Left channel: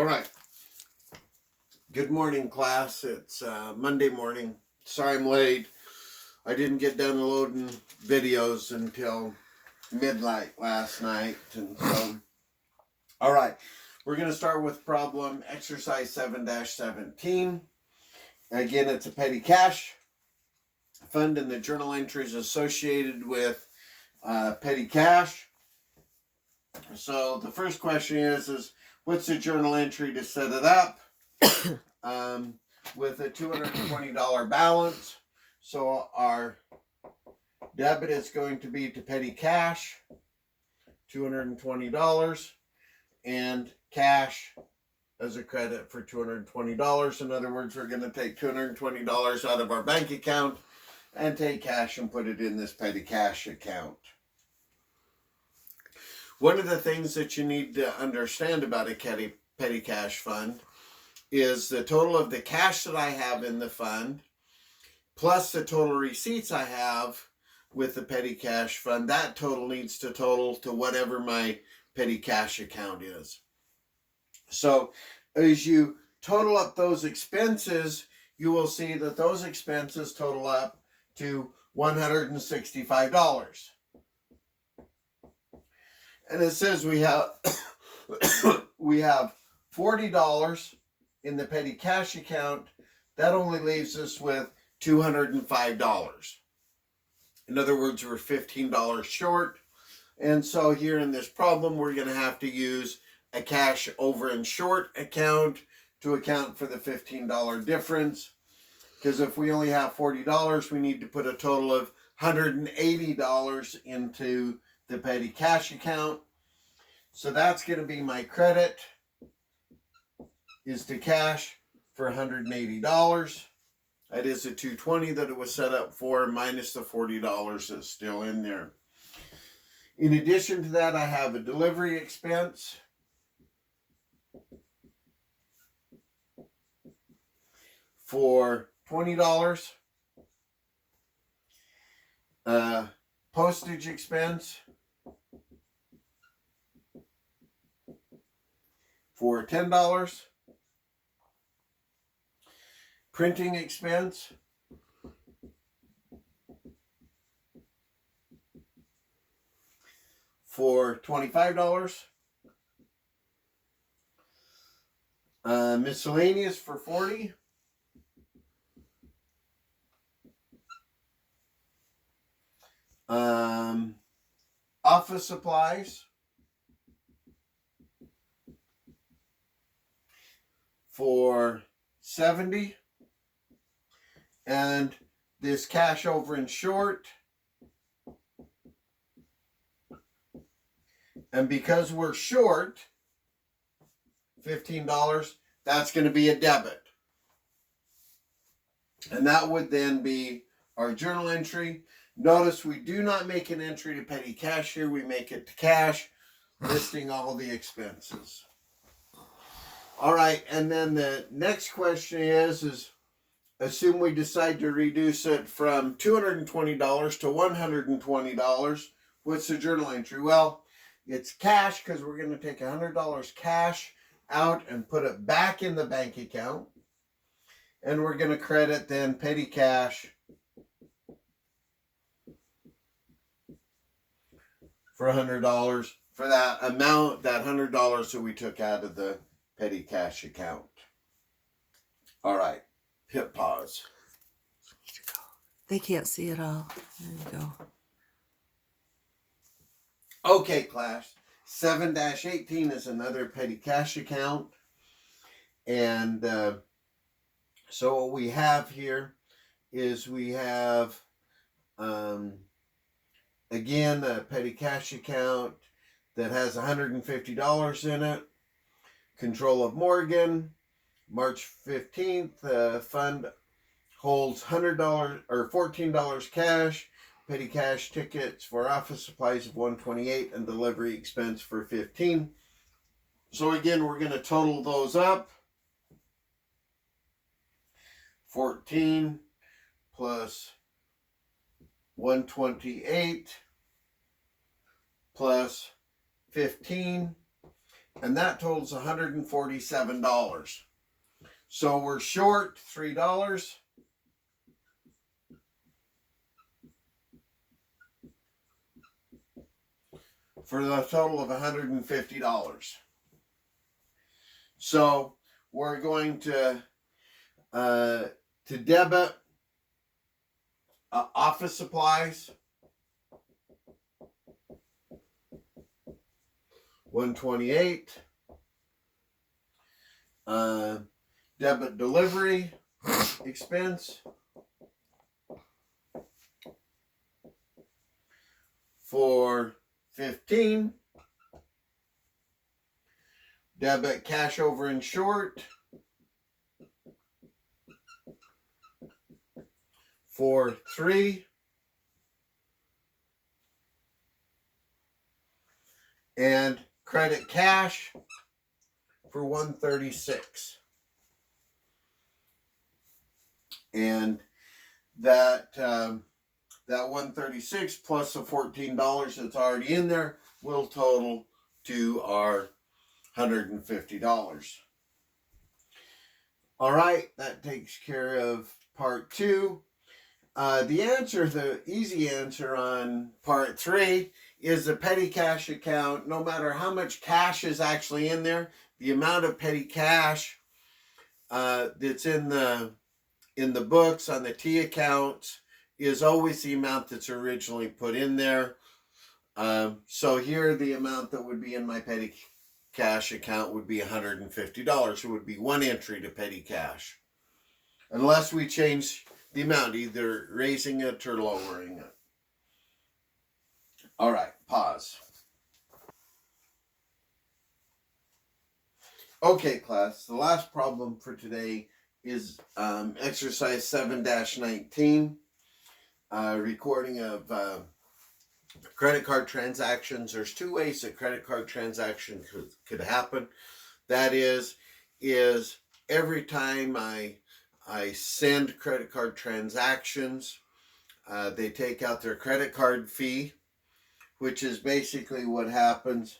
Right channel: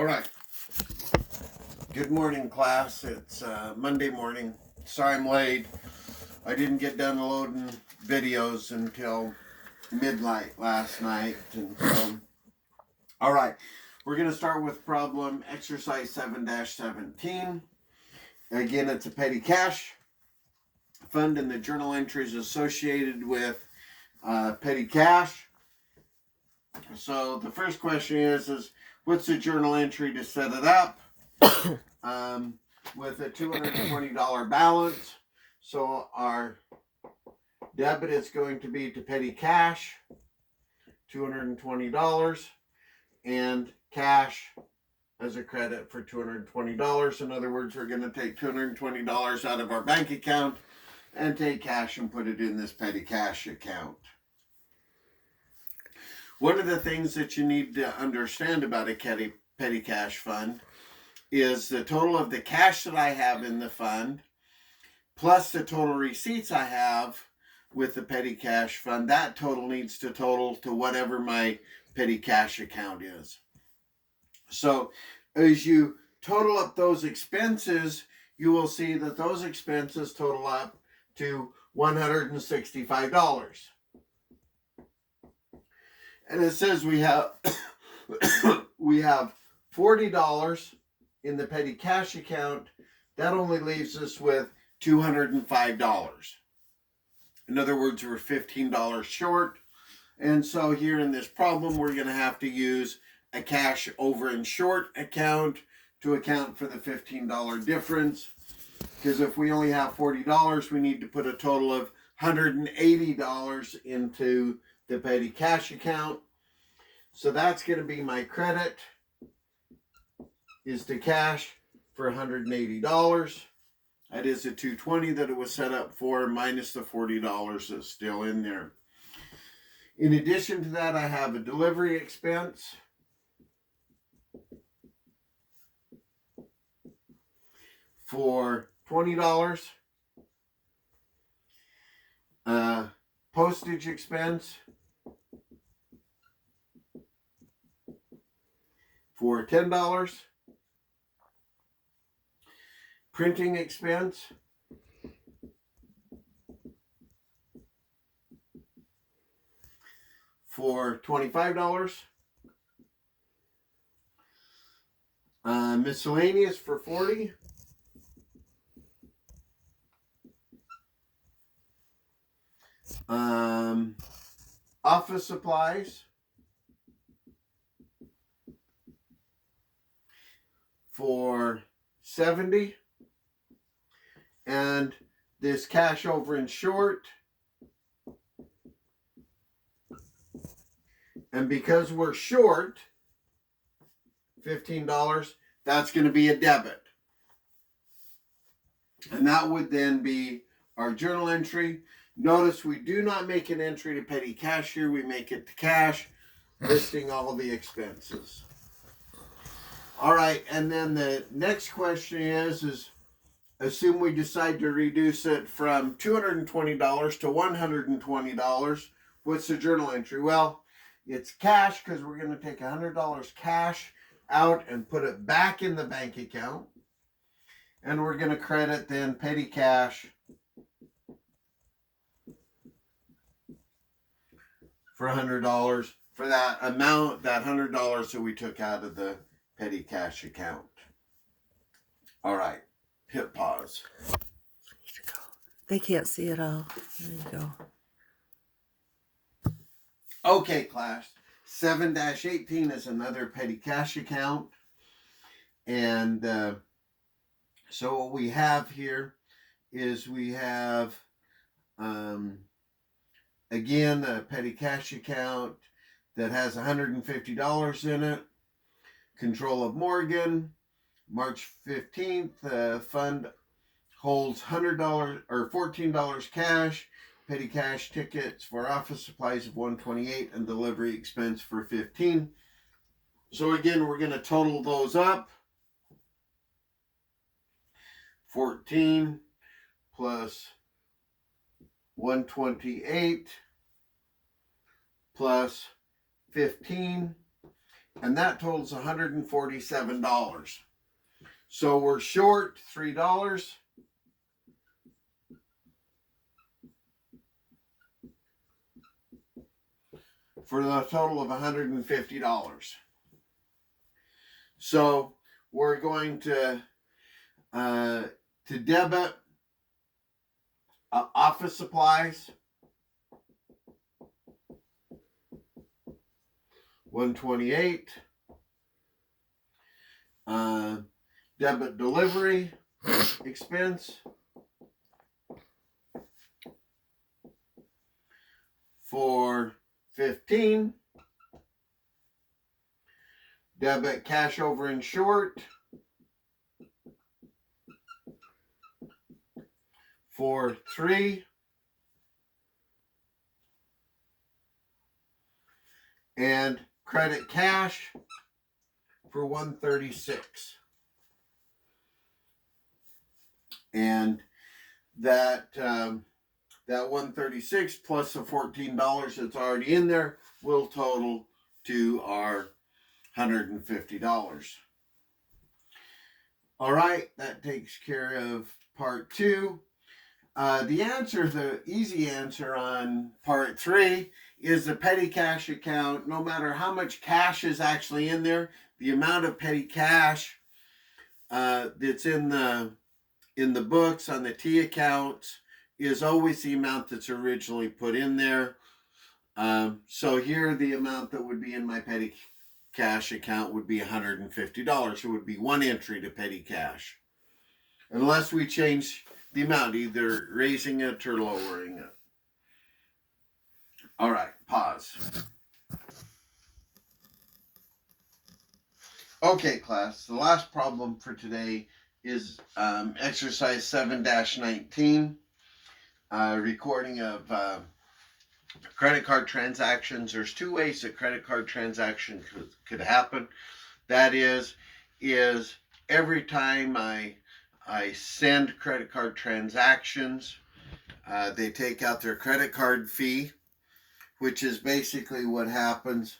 All right. Good morning, class. It's Monday morning. Sorry I'm late. I didn't get done loading videos until midnight last night. And so, all right. We're going to start with problem exercise 7-17. Again, it's a petty cash fund and the journal entries associated with petty cash. So the first question is what's the journal entry to set it up? With a $220 balance. So our debit is going to be to petty cash, $220, and cash as a credit for $220. In other words, we're going to take $220 out of our bank account and take cash and put it in this petty cash account. One of the things that you need to understand about a petty cash fund is the total of the cash that I have in the fund plus the total receipts I have with the petty cash fund. That total needs to total to whatever my petty cash account is. So as you total up those expenses, you will see that those expenses total up to $165. And it says we have $40 in the petty cash account. That only leaves us with $205. In other words, we're $15 short. And so here in this problem, we're going to have to use a cash over and short account to account for the $15 difference. Because if we only have $40, we need to put a total of $180 into the petty cash account. So that's going to be my credit is to cash for $180. That is the $220 that it was set up for minus the $40 that's still in there. In addition to that, I have a delivery expense for $20. Postage expense for $10. Printing expense for $25. Miscellaneous for $40. Office supplies for $70. And this cash over and short. And because we're short $15, that's going to be a debit. And that would then be our journal entry. Notice we do not make an entry to petty cash here. We make it to cash, listing all the expenses. All right, and then the next question is assume we decide to reduce it from $220 to $120. What's the journal entry? Well, it's cash because we're going to take $100 cash out and put it back in the bank account. And we're going to credit then petty cash for $100 for that amount, that $100 that we took out of the petty cash account. All right. Hit pause. They can't see it all. There you go. Okay, class. 7-18 is another petty cash account. And so what we have here is we have, again, a petty cash account that has $150 in it. Control of Morgan. March 15th, the fund holds $100 or $14 cash, petty cash tickets for office supplies of $128 and delivery expense for $15. So again, we're going to total those up. 14 plus 128 plus 15 and that totals $147. So we're short $3 for the total of $150. So we're going to debit office supplies, $128. Debit delivery expense for $15. Debit cash over and short for $3. And credit cash for $136. And that that $136 plus the $14 that's already in there will total to our $150. All right, that takes care of part 2. The easy answer on part 3 is the petty cash account. No matter how much cash is actually in there, the amount of petty cash that's in the books on the T accounts is always the amount that's originally put in there. So here the amount that would be in my petty cash account would be $150. It would be one entry to petty cash. Unless we change the amount, either raising it or lowering it. All right, pause. Okay, class, the last problem for today is exercise 7-19, recording of credit card transactions. There's 2 ways that credit card transaction could happen. That is every time I send credit card transactions, they take out their credit card fee, which is basically what happens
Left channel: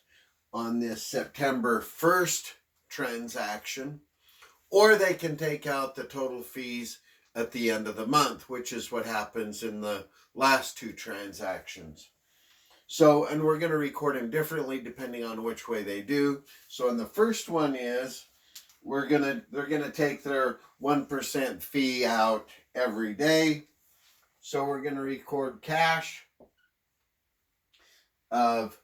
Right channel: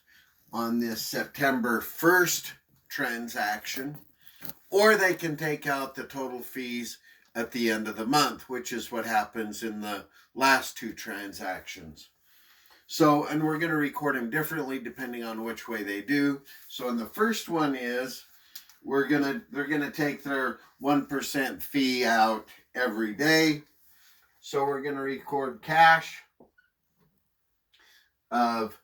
on this September 1st transaction, or they can take out the total fees at the end of the month, which is what happens in the last 2 transactions. So, and we're going to record them differently depending on which way they do. So in the first one is, they're going to take their 1% fee out every day. So we're going to record cash of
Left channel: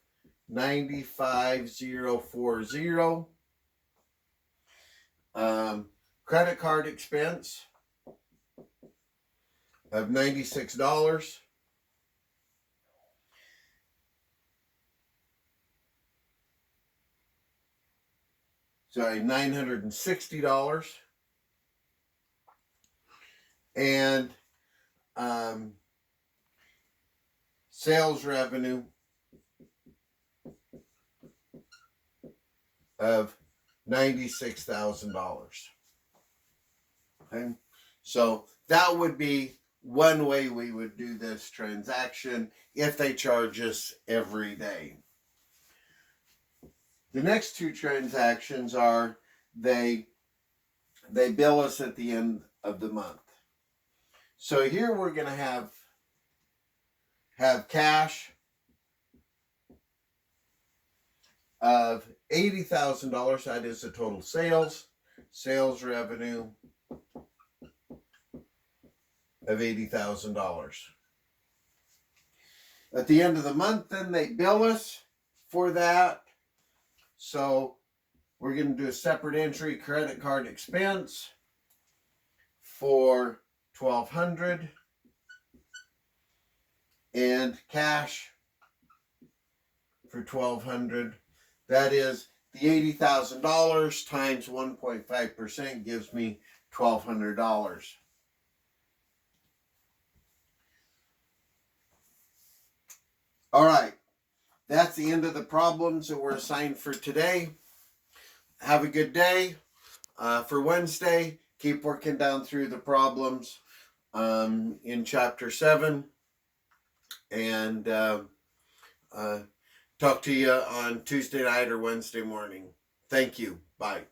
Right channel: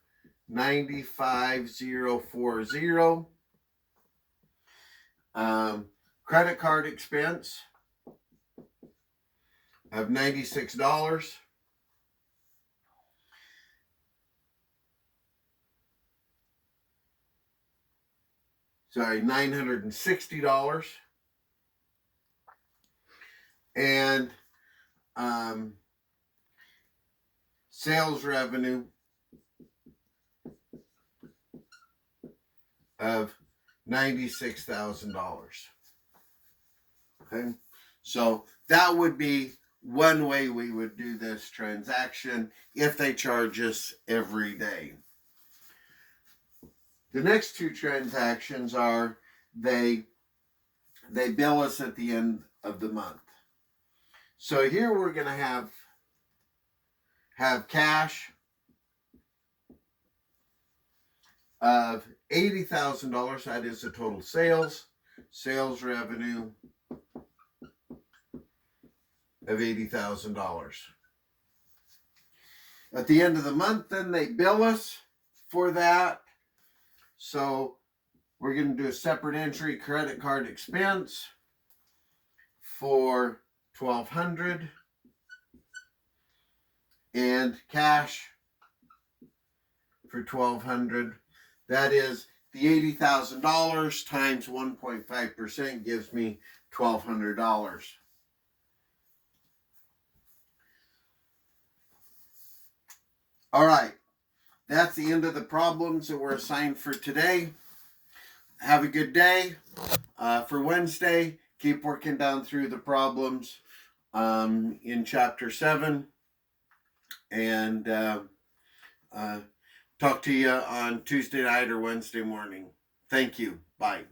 $95,040. Credit card expense of $96. Sorry, $960. And sales revenue of $96,000. Okay, so that would be one way we would do this transaction if they charge us every day. The next 2 transactions are they bill us at the end of the month. So here we're going to have cash of $80,000. That is the total sales revenue of $80,000. At the end of the month, then they bill us for that. So we're going to do a separate entry, credit card expense for $1,200 and cash for $1,200. That is the $80,000 times 1.5% gives me $1,200. All right, that's the end of the problems that were assigned for today. Have a good day. For Wednesday, keep working down through the problems in Chapter 7. And talk to you on Tuesday night or Wednesday morning. Thank you. Bye.